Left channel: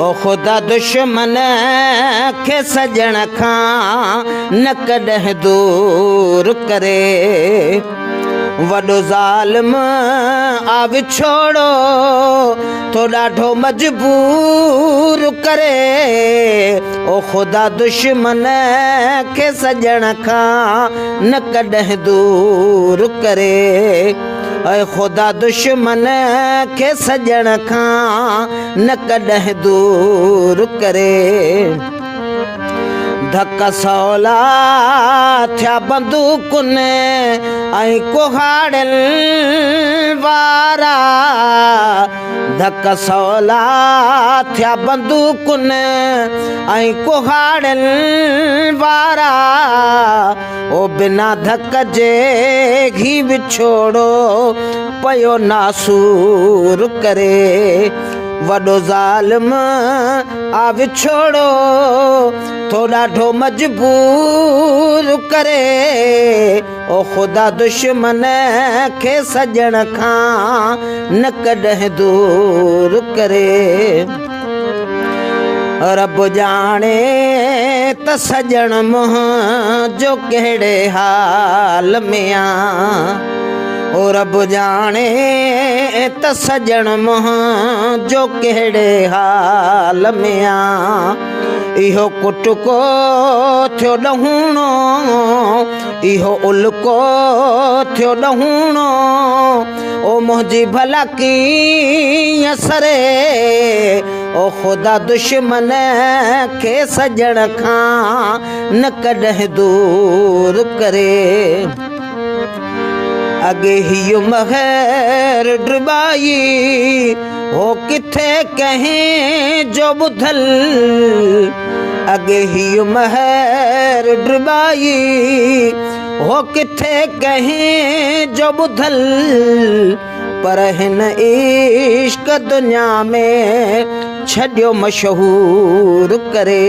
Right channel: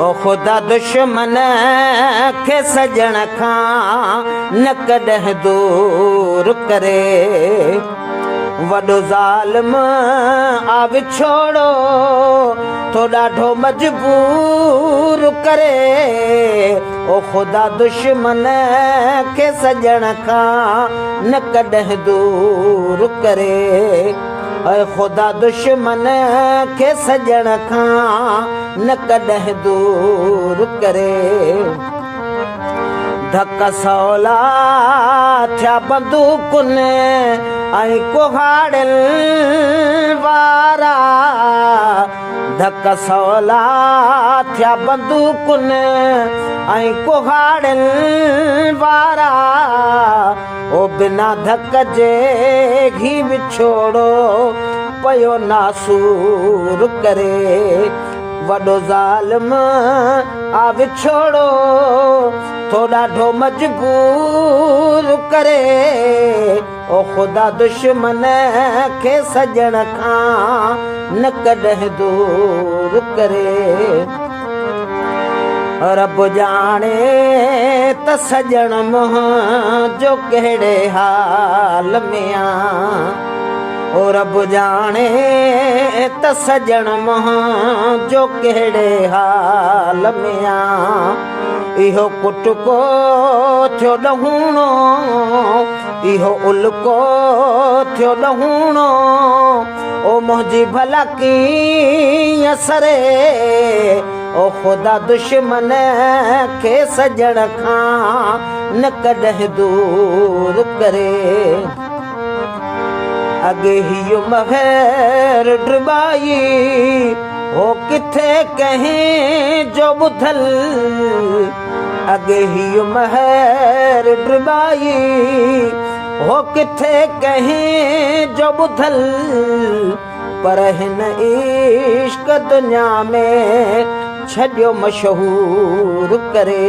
ओ ख़ुदा दुश्मन खे सजण खां न कॾहिं दूर करे। वॾो ज़ालिम आ विछोड़ो तो ॾाढो मजबूर करे। ओ ख़ुदा दुश्मन खे सजण खां न कॾहिं दूर करे। ऐं ख़ुदा दुश्मन खे सजण खां न कॾहिं दूर करे। धक सवला थिया बंदूकुनि ऐं कुहाड़नि वारा। धक सवला थिया बंदूकुनि ऐं कुहाड़नि वारा। ओ बिना धक जे घी विछोड़ो पयो नासूर करे। वॾो ज़ालिम आ विछोड़ो तो ॾाढो मजबूर करे। ओ ख़ुदा दुश्मन खे सजण खां न कॾहिं दूर करे। रब जाने त सजण मुंहिंजो कहिड़े हाल में आ। ओ रब जाने त सजण मुंहिंजो कहिड़े हाल में आ। इहो कुटको थियो ॾहूणो, इहो उल्को थियो ॾहूणो। ओ मुंहिंजी भला कीअं सरे। ओ ख़ुदा दुश्मन खे सजण खां न कॾहिं दूर करे। अॻे हीअ महर ड्रिबाई हो किथे कंहिं जो ॿुधल। अॻे हीअ महर ड्रिबाई हो किथे कंहिं जो ॿुधल। पर हिन इश्क दुनिया में छॾियो मशहूर करे।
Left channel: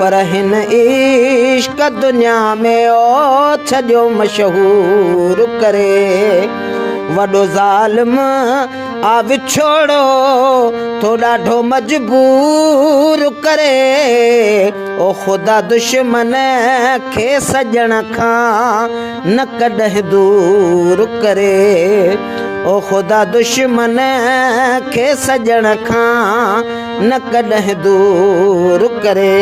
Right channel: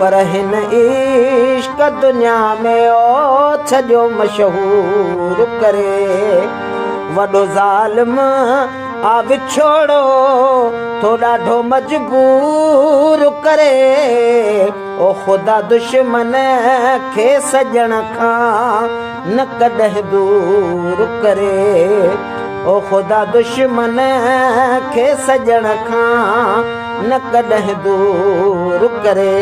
पर हिन इश्क दुनिया में ओ छॾियो मशहूर करे। वॾो ज़ालिम आ विछोड़ो तो ॾाढो मजबूर करे। ओ ख़ुदा दुश्मन खे सजण खां न कॾहिं दूर करे। ओ ख़ुदा दुश्मन खे सजण खां न कॾहिं दूर करे।